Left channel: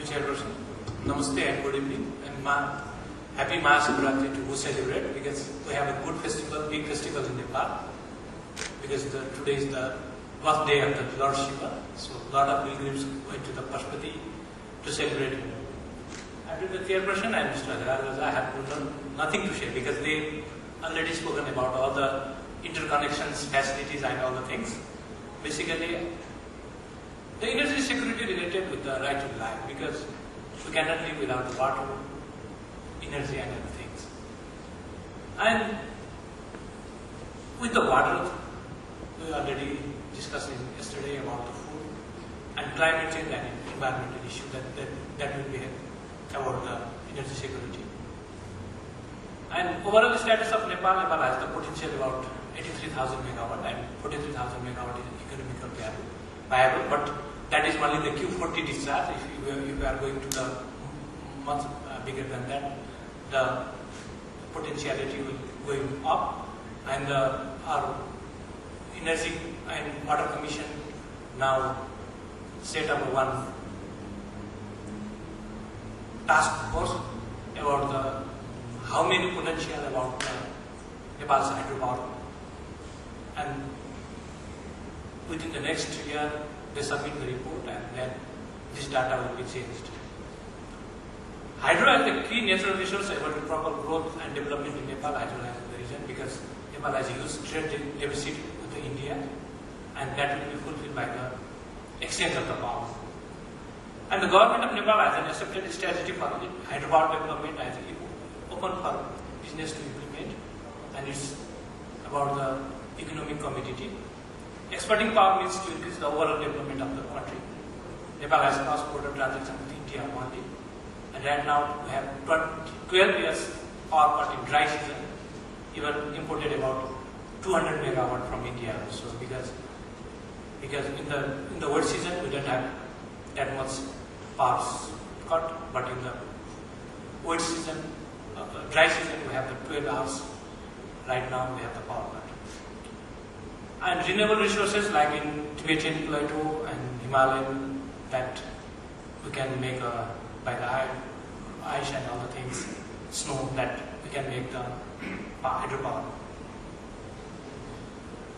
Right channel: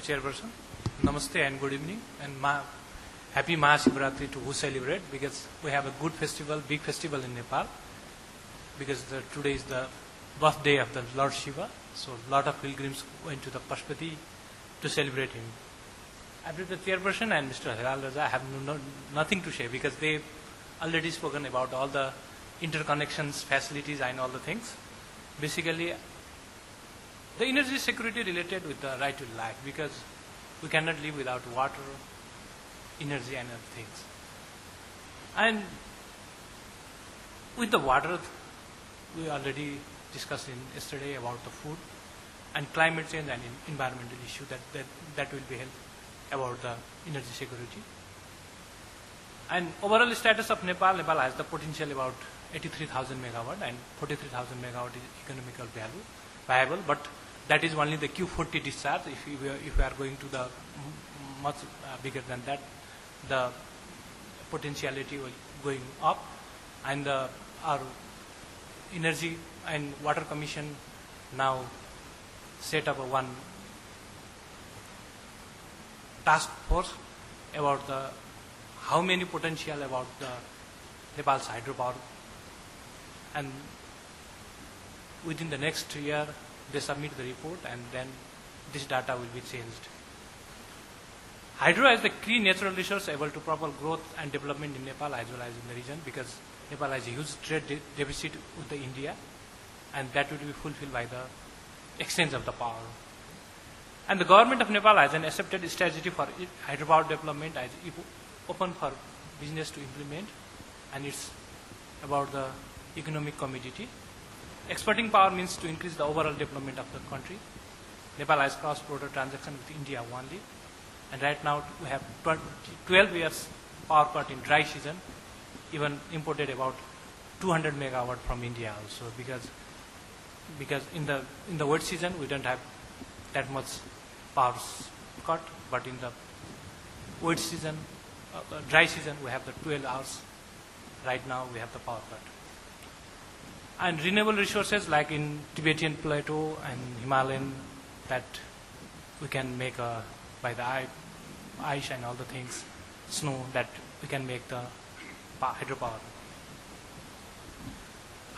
you, Chairperson. Namaste and good evening. And happy Mahashivratri to who celebrate, because we have a good festival, big festival in Nepal. Because today is the birthday of the Lord Shiva. So a lot of pilgrims went to the Pashupati to celebrate him. And with the Chairperson and Mr. Haraj, I have nothing to say because they already spoken about all the interconnections, facilities and all the things. Basically, the energy security related with the right to life, because we cannot live without water, energy and other things. And with the water, we already discussed yesterday about the food and climate change and environmental issue that will be about the energy security. And overall status of Nepal has the potential about 83,000 megawatt, and 43,000 megawatt is economical viable, but that is only the Q40 discharge. If you are going to the much bigger than that, the potentiality will going up. And our Energy and Water Commission now set up one task force about how many potential about Nepal's hydropower, and within the next year they submit the report and then this data will be changed. Hydro as the key natural resource able to proper growth and development in Nepal as well as in the region, because Nepal has a huge trade deficit with India, and that will be fulfilled by the extent of the power. And the government of Nepal has an accepted strategy for hydropower development as open for business to implement, and it's about the economic commodity. Exporting power means to increase the overall development of the country. Nepal has cross-border transaction with India only, and right now we have 12 years power cut in dry season, even imported about 200 megawatt from India also, because in the wet season we don't have that much power cut, but in the wet season, dry season we have the 12 hours. Right now we have the power cut. And renewable resources like in Tibetan Plateau and Himalayan, that we can make by the ice and all the things, snow, that we can make the hydropower.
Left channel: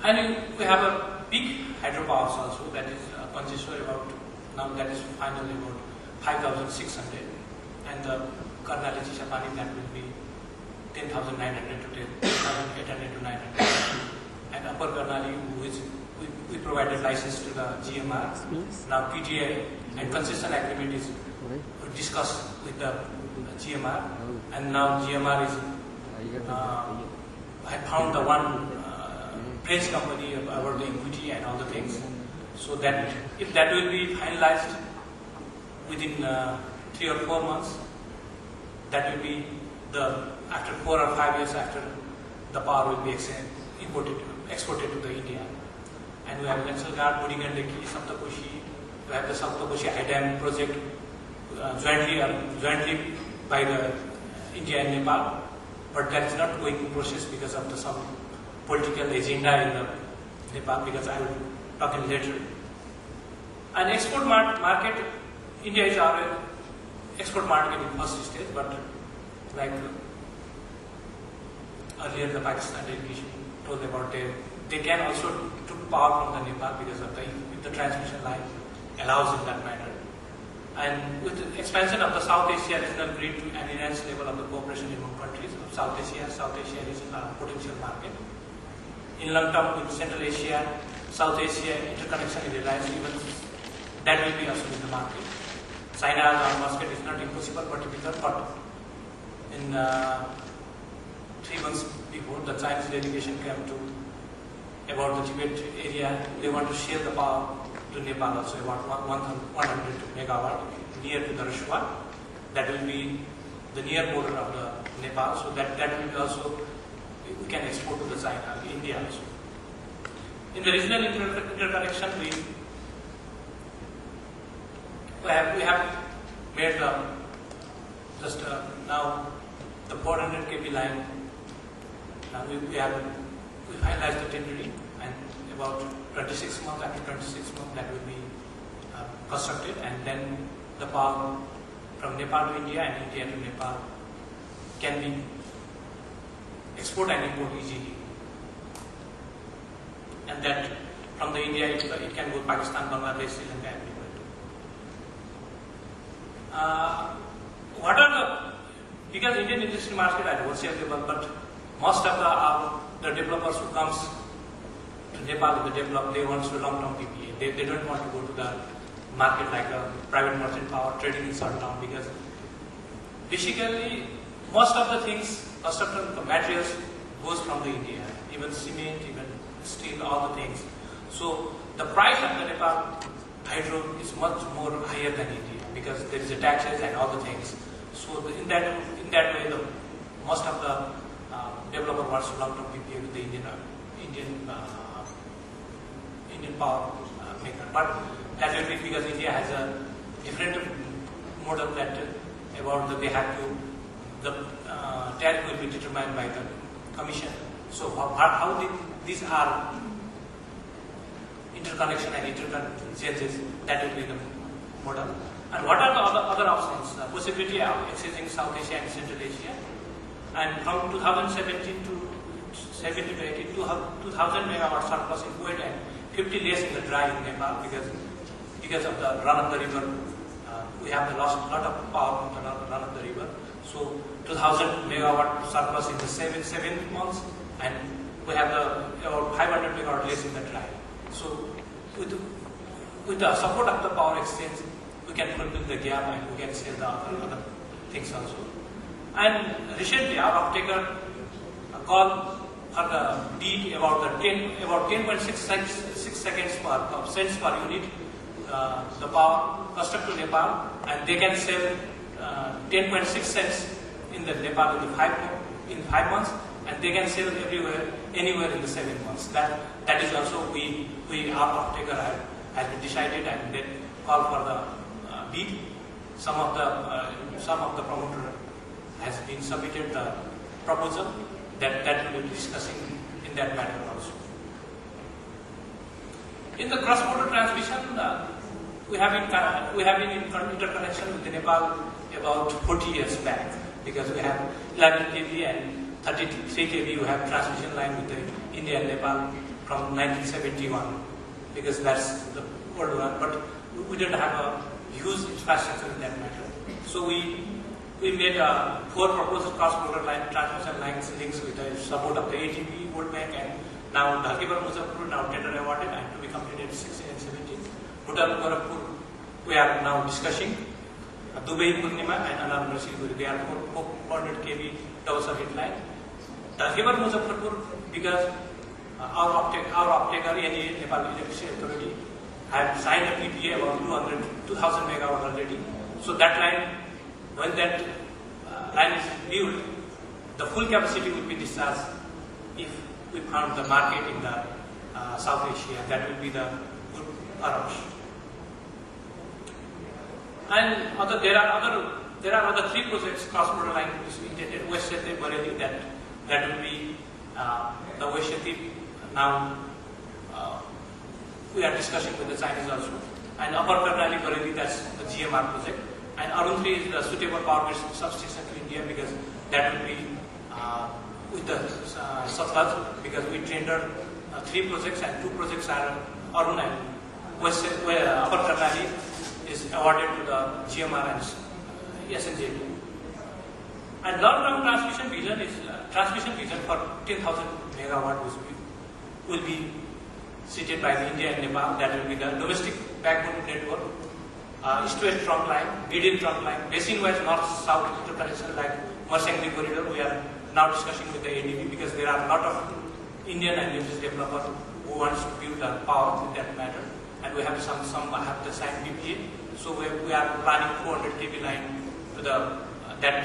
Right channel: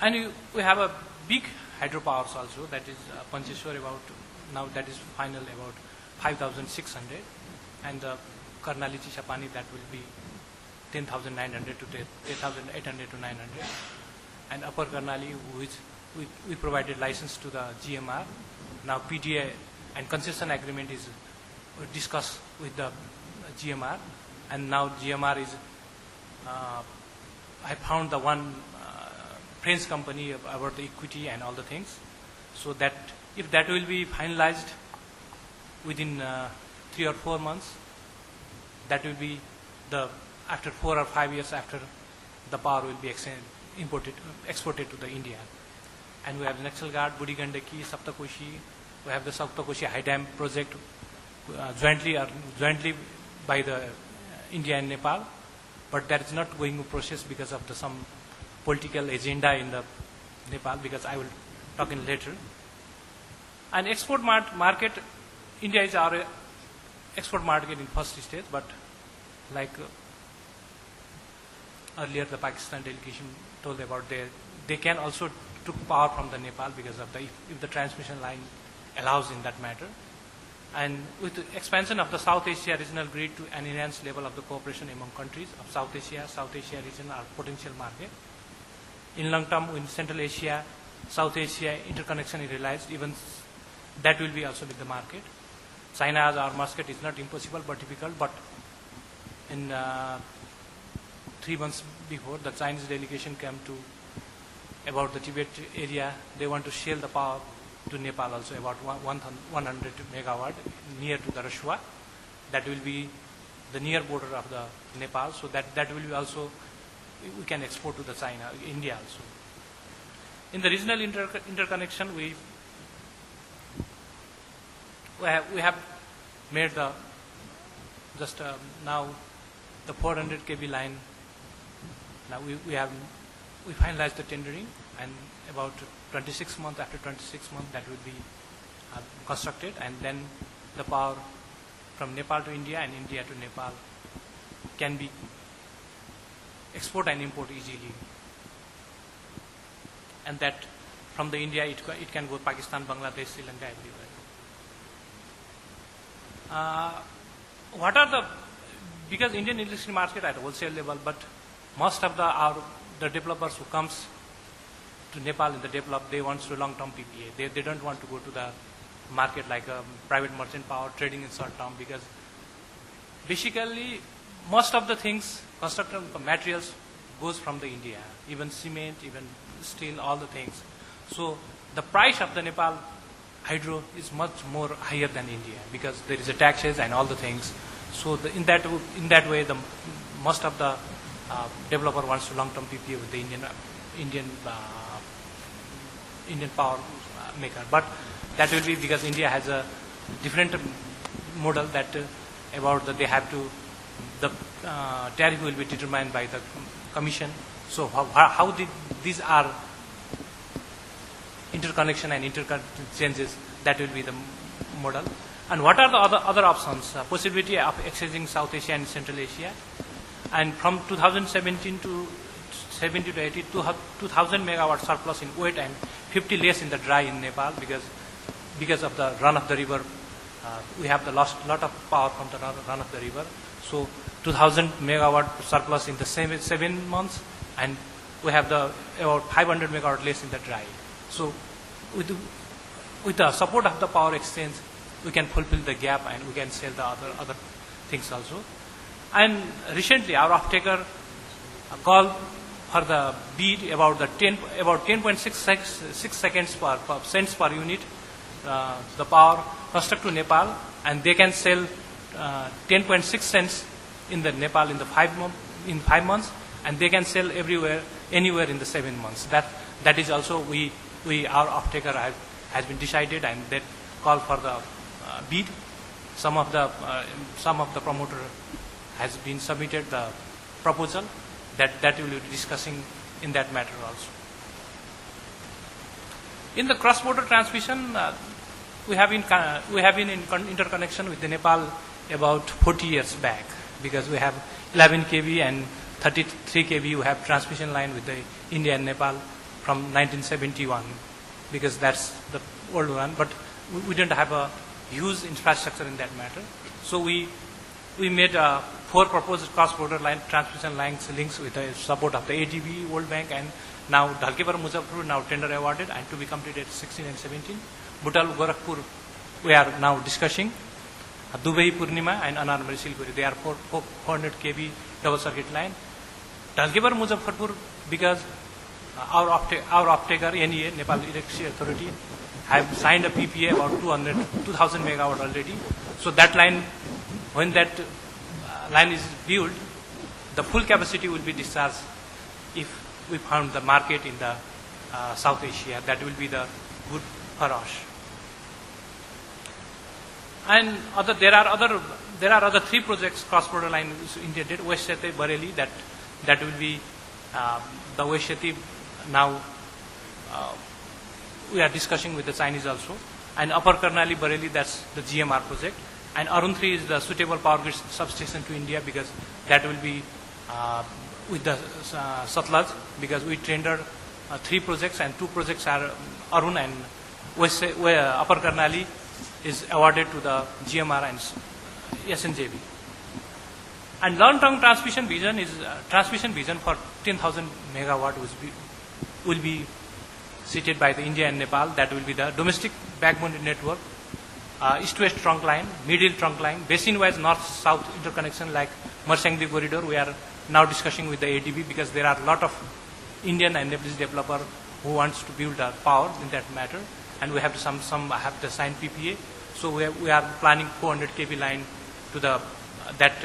And we have a big hydropower also, that is Pancheshwar about, now that is finally about 5,600, and the Karnali Chishapani, that will be 10,900 to 10,800 to 900. And Upper Karnali, which we provided license to the GMR. Now PTA and concession agreement is discussed with the GMR, and now GMR is I found the one French company about the equity and all the things. So that if that will be finalized within 3 or 4 months, that will be after 4 or 5 years after the power will be exported to the India. And we have Naxal Ghat, Budi Gandaki, Saptakoshi. We have the Saptakoshi High Dam project jointly by the India and Nepal, but that is not going to process because of some political agenda in the Nepal, because I will talk in later. And export market, India is our export market in first stage, but like earlier the Pakistan delegation told about they can also took power from the Nepal because of the transmission line allows in that matter. And with the expansion of the South Asia regional grid and enhanced level of the cooperation among countries of South Asia region are potential market. In long term, with Central Asia, South Asia interconnection is realized, even that will be also in the market. China our market is not impossible, particular, but in 3 months before, the Chinese delegation came to about the Tibet area. They want to share the power to Nepal also, about 100 megawatt near to the Rishwa. That will be the near border of the Nepal, so that will be also, we can export to the China, India also. In the regional interconnection, we have made now the 400 kV line. Now we finalized the tendering, and about 26 months, after 26 months that will be constructed, and then the power from Nepal to India and India to Nepal can be export and import easily. And that from the India it can go Pakistan, Bangladesh, Sri Lanka and people. What are because Indian industry market at wholesale level, but most of the developers who comes to Nepal to develop, they want to long-term PPA. They don't want to go to the market like a private merchant power trading in shutdown, because basically most of the things, most of the materials goes from the India, even cement, even steel, all the things. So the price of the Nepal hydro is much more higher than India, because there is a taxes and all the things. So in that way, most of the developer wants long-term PPA with the Indian power maker. But that will be because India has a different model that they have to, the tariff will be determined by the commission. So how these are interconnection and interchanges, that will be the model. And what are the other options? Possibility of accessing South Asia and Central Asia. And from 2017 to 70 to 80, 2,000 megawatt surplus in wet and 50 less in the dry in Nepal, because of the run of the river. We have lost a lot of power of the run of the river. So 2,000 megawatt surplus in the 7 months, and we have about 500 megawatt less in the dry. So with the support of the power exchange, we can fulfill the gap and we can sell the other things also. And recently our off-taker called for the bid about 10.6 cents per unit the power construct to Nepal, and they can sell 10.6 cents in the Nepal in 5 months, and they can sell anywhere in the 7 months. That is also our off-taker has been decided, and they call for the bid. Some of the promoter has been submitted the proposal that will be discussing in that matter also. In the cross-border transmission, we have been in interconnection with Nepal about 40 years back, because we have 11 kV and 33 kV. We have transmission line with the India and Nepal from 1971, because that's the old one. But we didn't have a huge infrastructure in that matter. So we made 4 proposed cross-border line transmission lines links with the support of the ADB, World Bank, and now Dhalkepar Muzaffarpur now tender awarded and to be completed 16 and 17. Bhutan Gorakhpur we are now discussing. Dubai Purnima and Anarmari Silguri, they are 400 kV double circuit line. Dhalkepar Muzaffarpur, because our off-taker NEA, Nepal Electricity Authority, have signed a PPA about 2,000 megawatt already. So that line, when that line is built, the full capacity will be discharged if we found the market in the South Asia. That will be the good for us. And there are other 3 projects cross-border line intended. Vaishyathi Bareilly, that will be the Vaishyathi now. We are discussing with the Chinese also. And Upper Karnali Bareilly, that's the GMR project. And Arun 3 is the suitable power grid substation to India, because that will be with the Satluj, because we tendered 3 projects, and 2 projects are Arun, and Upper Karnali is awarded to the GMR and SNJB. And long-term transmission vision for 10,000 megawatt will be seated by the India and Nepal. That will be the domestic backbone network, east-west trunk line, middle trunk line, basin-wise north-south interconnection like Marsangdi corridor. We are now discussing with the ADB, because there are a lot of Indian and Nepalese developers who wants to build power in that matter, and we have some have the signed PPA. So we are planning 400 kV line to that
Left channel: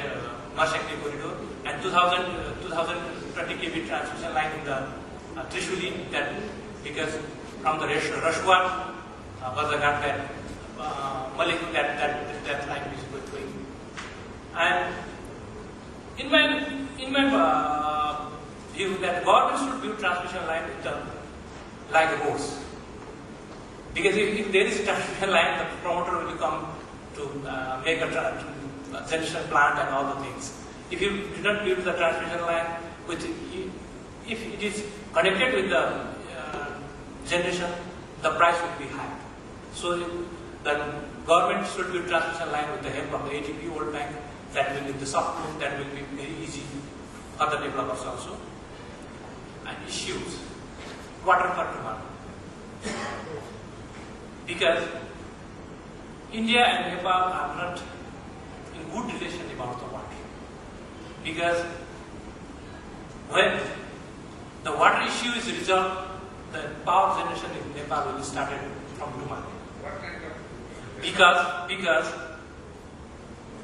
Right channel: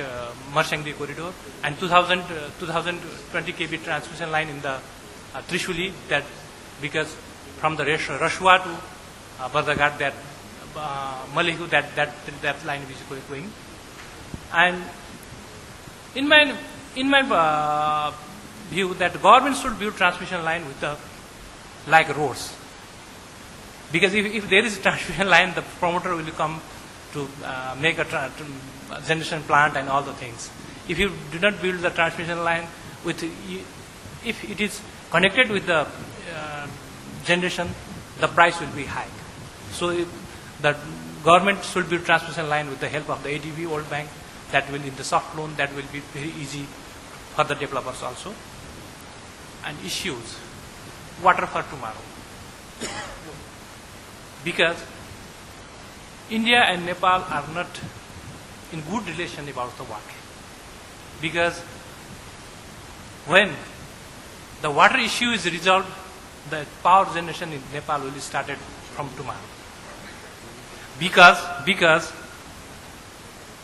Marsangdi corridor, and 2020 kV transmission line in the Trishuli, that because from the Rashwa to Bardaghat, that Malihu, that line is going. And in my view, that government should build transmission line with like roads, because if there is a transmission line, the promoter will come to make a generation plant and all the things. If you do not build the transmission line, if it is connected with the generation, the price will be high. So the government should build transmission line with the help of the ADB, World Bank. That will, in the soft loan, that will be very easy for the developers also. And issues, water for tomorrow. Because India and Nepal are not in good relation about the water. Because when the water issue is resolved, the power generation in Nepal will be started from tomorrow. Because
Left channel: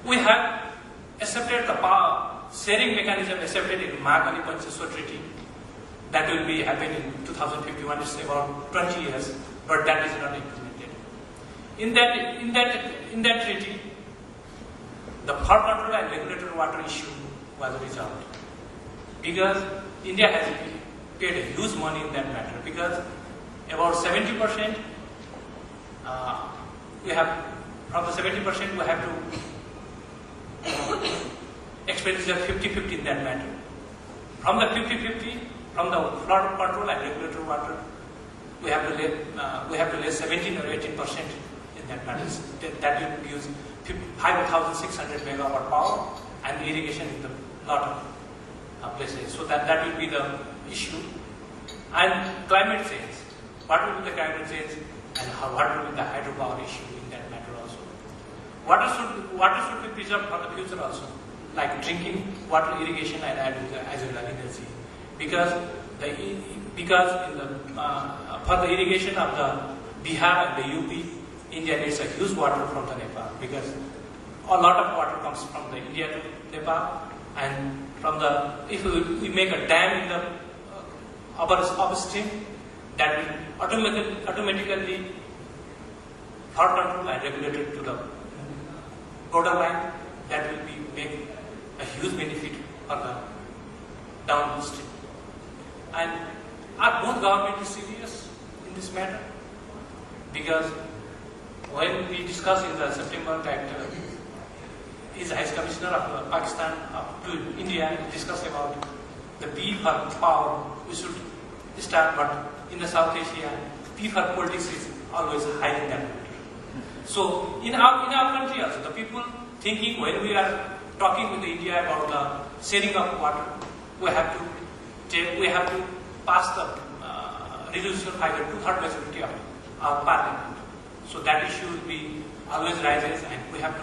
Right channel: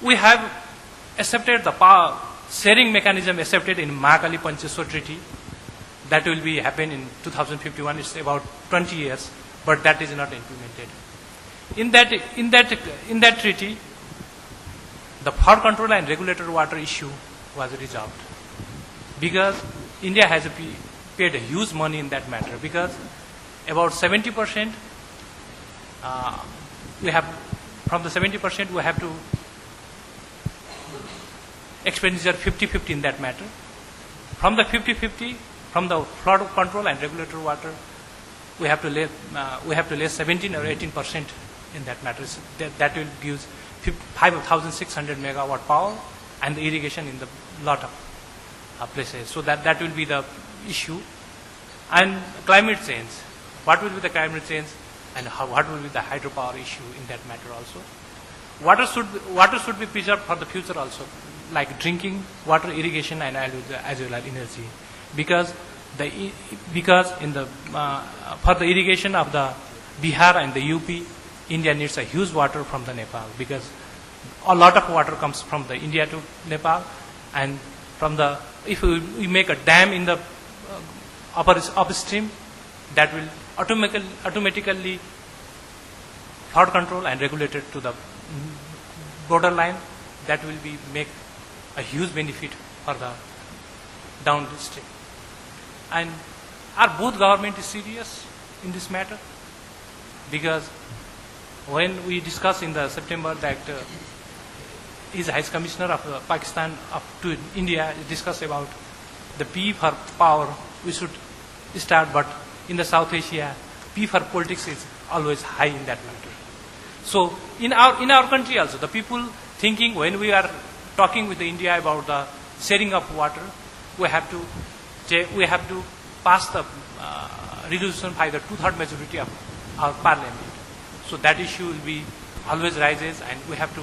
we have accepted the power sharing mechanism accepted in Mahakali Pancheshwar Treaty. That will be happen in 2051. It's about 20 years, but that is not implemented. In that treaty, the flood control and regulated water issue was resolved. Because India has paid a huge money in that matter. Because about 70%, we have from the 70% we have to expenditure 50-50 in that matter. From the 50-50, from the flood control and regulatory water, we have to lay 17 or 18% in that matter. That will give 5,600 megawatt power and the irrigation in the lot of places. So that will be the issue. And climate change. What will be the climate change and what will be the hydropower issue in that matter also. Water should be preserved for the future also, like drinking water, irrigation, and as well as energy. Because for the irrigation of the Bihar and the UP, India needs a huge water from the Nepal, because a lot of water comes from the India to Nepal, and if we make a dam in the upstream, that will automatically flood control and regulated to the borderline. That will make a huge benefit for the downstream. And are both government is serious in this matter? Because when we discussed in the September that is High Commissioner of Pakistan up to India, he discussed about the P for power we should start, but in the South Asia, P for politics is always high in that matter. So in our country also, the people thinking when we are talking with India about sharing of water, we have to pass the resolution by the 2/3 majority of our parliament. So that issue will be always rises, and we have to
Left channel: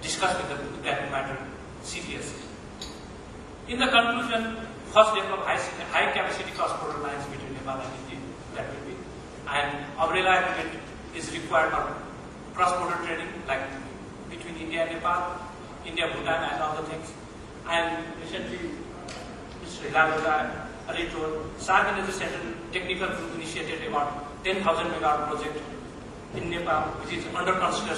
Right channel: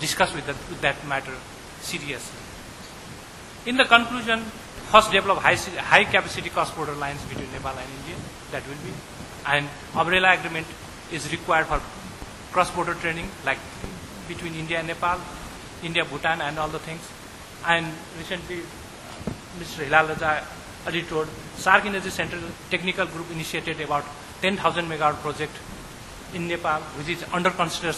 discuss with that matter seriously. In the conclusion, first develop high capacity cross-border lines between Nepal and India. That will be, and umbrella agreement is required for cross-border training, like between India and Nepal, India, Bhutan, and all the things. And recently, Mr. Hilal Ali told, SAARC Energy Central Technical Group initiated about 10,000 megawatt project in Nepal, which is under consideration